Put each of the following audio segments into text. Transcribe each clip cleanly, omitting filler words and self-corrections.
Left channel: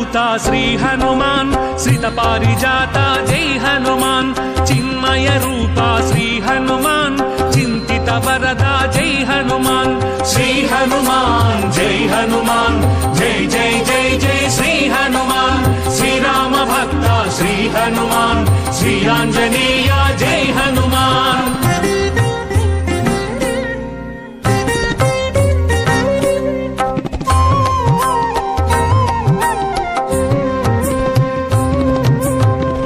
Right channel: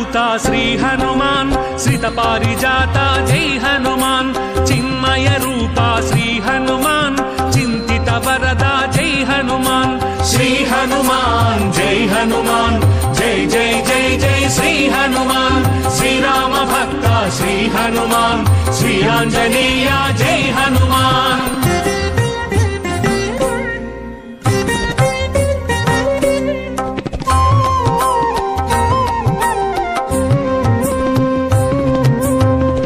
రామదూత శ్రీ హనుమాన్ శ్రిత పారిజాత జై హనుమాన్ చిన్మయ రూప శ్రీ హనుమాన్ చింతిత వరద జై హనుమాన్ శ్రీ హనుమాన్ జై హనుమాన్ జై జై జై జై శ్రీ హనుమాన్ శ్రీరామ భక్త శ్రీ హనుమాన్ శ్రీ ఆంజనేయ జై హనుమాన్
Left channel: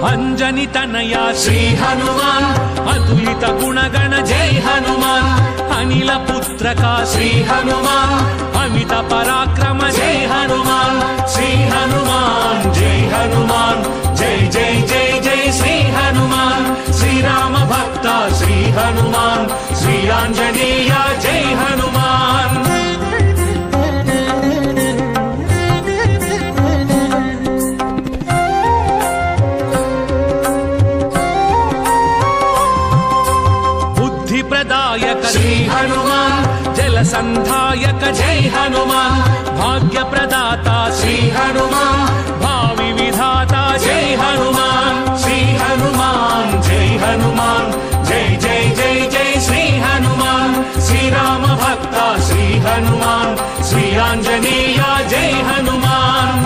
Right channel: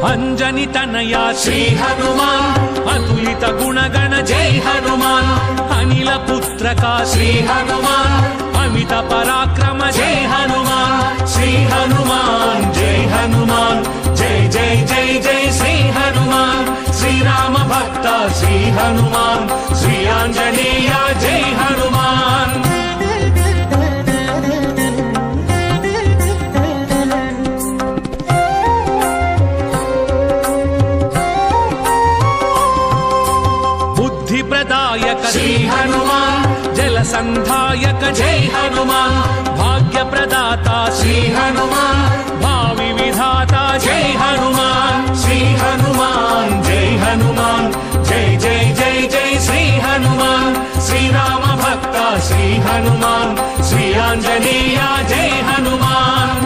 అంజని తనయ శ్రీ హనుమాన్ అతులిత గుణగణ జై హనుమాన్ అనిల పుత్రక శ్రీ హనుమాన్ అమిత పరాక్రమ జై హనుమాన్ శ్రీ హనుమాన్ జై హనుమాన్ జై జై జై జై శ్రీ హనుమాన్ శ్రీరామ భక్త శ్రీ హనుమాన్ శ్రీ ఆంజనేయ జై హనుమాన్ ప్రదాయక శ్రీ హనుమాన్ జల సంధాయక జై హనుమాన్ భాగ్య ప్రదాత శ్రీ హనుమాన్ భావి విధాత జై హనుమాన్ శ్రీ హనుమాన్ జై హనుమాన్ జై జై జై జై శ్రీ హనుమాన్ శ్రీరామ భక్త శ్రీ హనుమాన్ శ్రీ ఆంజనేయ జై హనుమాన్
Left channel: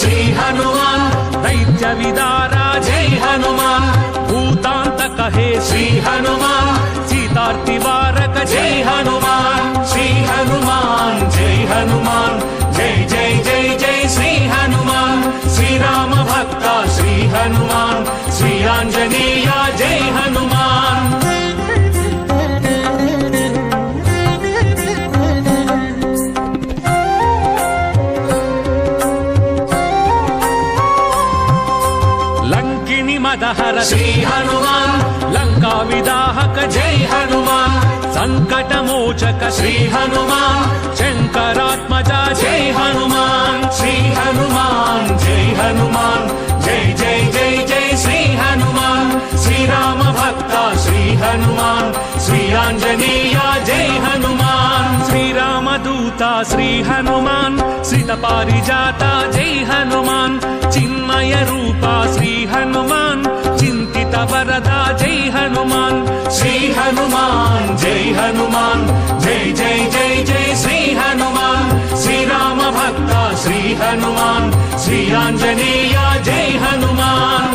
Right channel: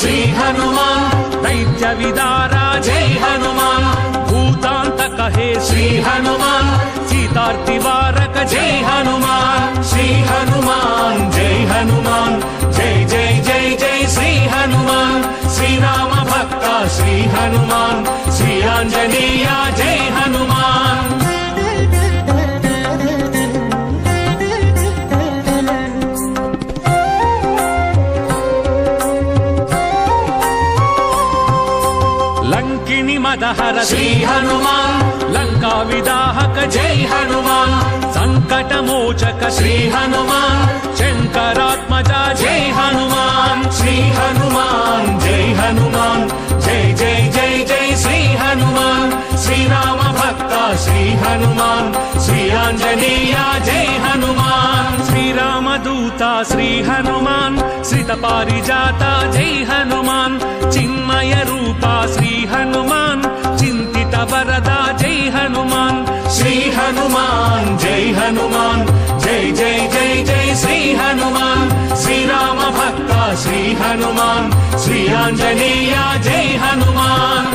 శ్రీ హనుమాన్ దైత్య విదారా జై హనుమాన్ భూతాంతక హే శ్రీ హనుమాన్ సీతార్తి వారక జై హనుమాన్ శ్రీ హనుమాన్ జై హనుమాన్ జై జై జై జై శ్రీ హనుమాన్ శ్రీరామ భక్త శ్రీ హనుమాన్ శ్రీ ఆంజనేయ జై హనుమాన్ లంకిని మదహర శ్రీ హనుమాన్ లంకా విదాహక జై హనుమాన్ సంకట మోచక శ్రీ హనుమాన్ శంకరాత్మజ జై హనుమాన్ శ్రీ హనుమాన్ జై హనుమాన్ జై జై జై జై శ్రీ హనుమాన్ శ్రీరామ భక్త శ్రీ హనుమాన్ శ్రీ ఆంజనేయ జై హనుమాన్ శ్రీరామదూత శ్రీ హనుమాన్ శ్రిత పారిజాత జై హనుమాన్ చిన్మయ రూప శ్రీ హనుమాన్ చింతిత వరద జై హనుమాన్ శ్రీ హనుమాన్ జై హనుమాన్ జై జై జై జై శ్రీ హనుమాన్ శ్రీరామ భక్త శ్రీ హనుమాన్ శ్రీ ఆంజనేయ జై హనుమాన్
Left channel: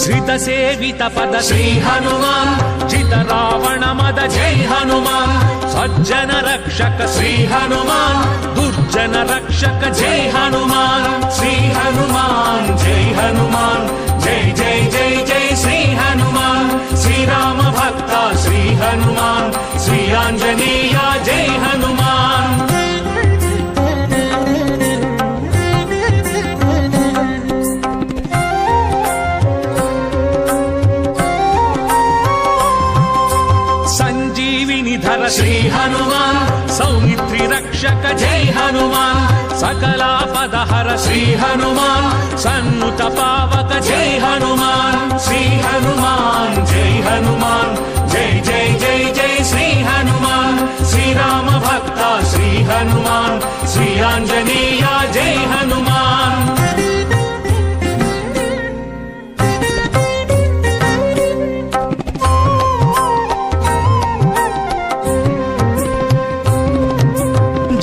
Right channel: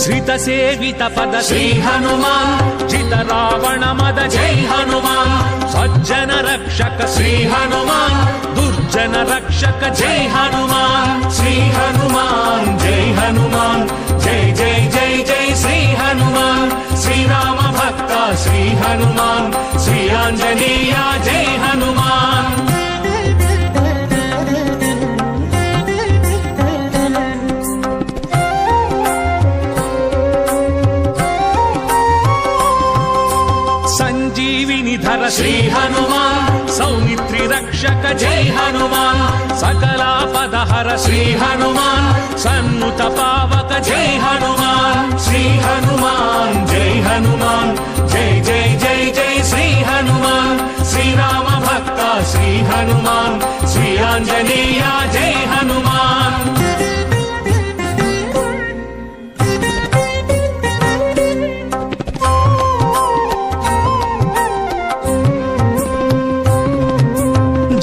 శ్రిత సేవిత పద శ్రీ హనుమాన్ జిత రావణ మద జై హనుమాన్ సజ్జన రక్షక శ్రీ హనుమాన్ దుర్జన రక్షక జై హనుమాన్ శ్రీ హనుమాన్ జై హనుమాన్ జై జై జై జై శ్రీ హనుమాన్ శ్రీరామ భక్త శ్రీ హనుమాన్ శ్రీ ఆంజనేయ జై హనుమాన్ సంజీవిని ధర శ్రీ హనుమాన్ సౌమిత్రి రక్షక జై హనుమాన్ సకలాపదహర శ్రీ హనుమాన్ సన్నుత పావక జై హనుమాన్ శ్రీ హనుమాన్ జై హనుమాన్ జై జై జై జై శ్రీ హనుమాన్ శ్రీరామ భక్త శ్రీ హనుమాన్ శ్రీ ఆంజనేయ జై హనుమాన్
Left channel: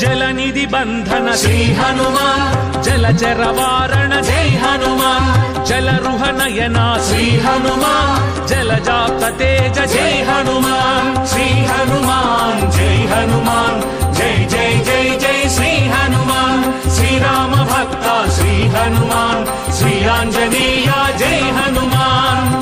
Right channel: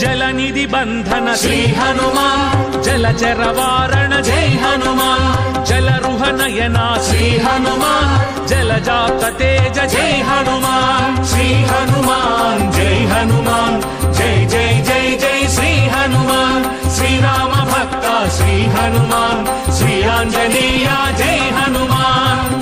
జలనిధి బంధన శ్రీ హనుమాన్ జలచర వారణ జై హనుమాన్ జలరుహ నయన శ్రీ హనుమాన్ జలజాత తేజ జై హనుమాన్ శ్రీ హనుమాన్ జై హనుమాన్ జై జై జై జై శ్రీ హనుమాన్ శ్రీరామ భక్త శ్రీ హనుమాన్ శ్రీ ఆంజనేయ జై హనుమాన్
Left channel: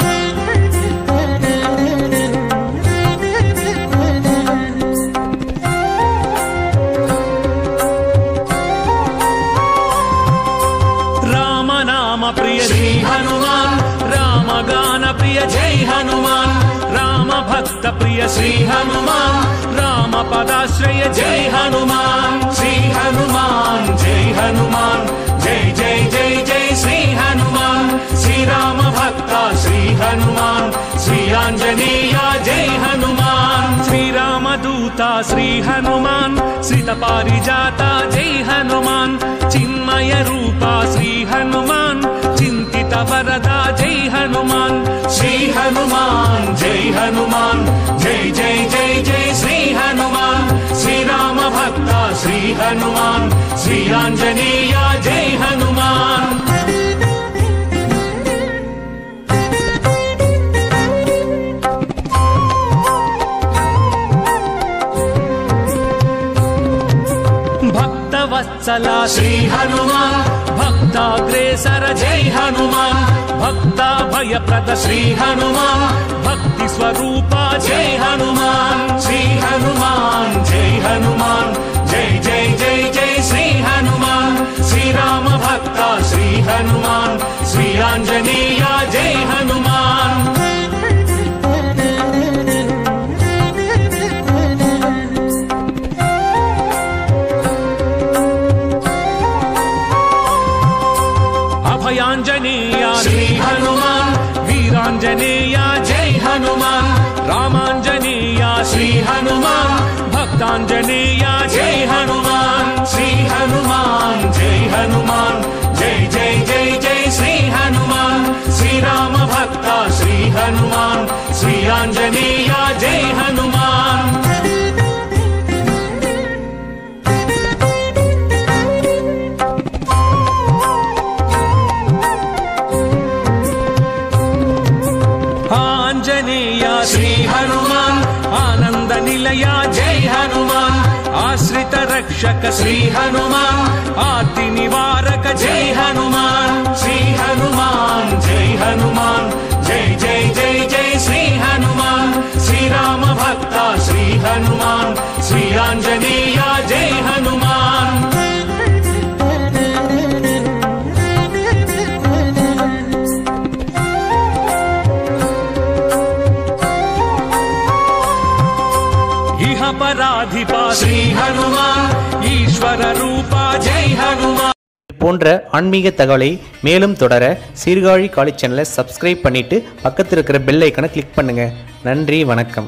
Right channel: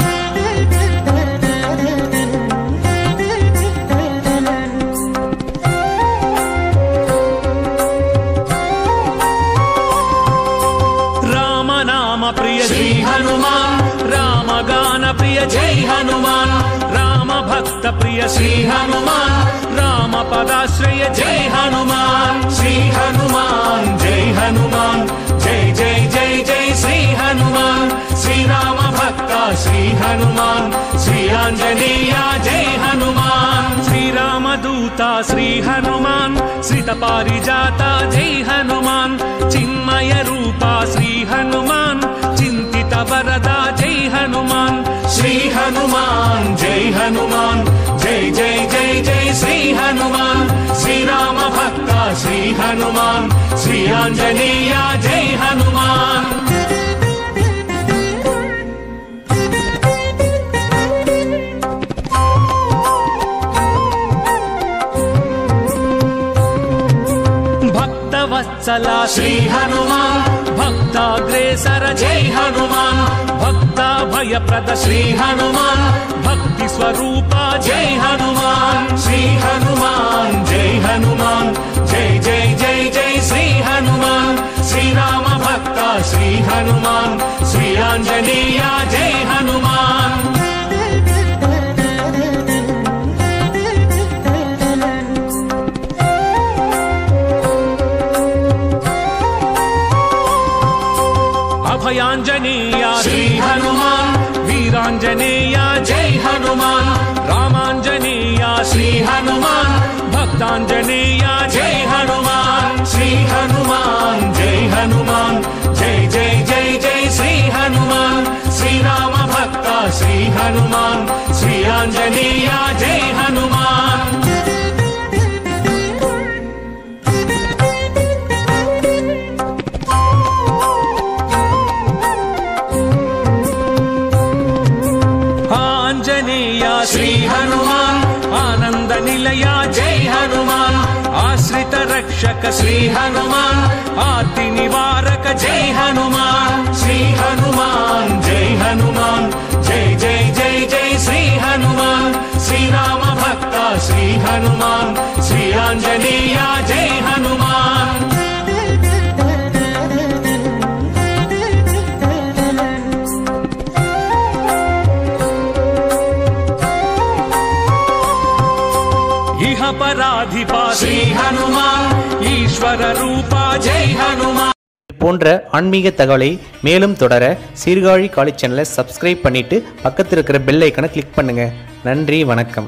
ప్రియ శ్రీ హనుమాన్ రామగాన ప్రియ प्रिय जय हनुमान राम भक्त प्रिय श्री हनुमान राम पदाश्रय जय हनुमान श्री हनुमान जय हनुमान जय जय जय जय श्री हनुमान श्री राम भक्त श्री हनुमान श्री आंजनेय जय हनुमान श्री राम दूता श्री हनुमान श्रित पारिजाता जय हनुमान चिन्मय रूपा श्री हनुमान चिंतित वरदा जय हनुमान श्री हनुमान जय हनुमान जय जय जय जय श्री हनुमान श्री राम भक्त श्री हनुमान श्री आंजनेय जय हनुमान भक्तवत्सला श्री हनुमान भक्ताग्रेसर जय हनुमान भक्ताभयप्रद श्री हनुमान भक्ति स्वरूपा जय हनुमान श्री हनुमान जय हनुमान जय जय जय जय श्री हनुमान श्री राम भक्त श्री हनुमान श्री आंजनेय जय हनुमान अभयांजनेय श्री हनुमान वीरांजनेय जय हनुमान रामांजनेय श्री हनुमान भक्तांजनेय जय हनुमान श्री हनुमान जय हनुमान जय जय जय जय श्री हनुमान श्री राम भक्त श्री हनुमान श्री आंजनेय जय हनुमान आंजनेय श्री हनुमान आनंद निलय जय हनुमान आश्रित रक्षक श्री हनुमान आर्ति निवारक जय हनुमान श्री हनुमान जय हनुमान जय जय जय जय श्री हनुमान श्री राम भक्त श्री हनुमान श्री आंजनेय जय हनुमान इह पराधिपा श्री हनुमान ईश्वर रूपा जय हनुमान போன்ற ஆன்மீக தகவலை மேலும் தொடர சீர்காழி காலேஜ் சேனலை சப்ஸ்கிரைப் பண்ணிட்டு பக்கத்தில் இருக்கிற பெல் ஐகானை கிளிக் பண்ணுங்க. நன்றி, வணக்கம்.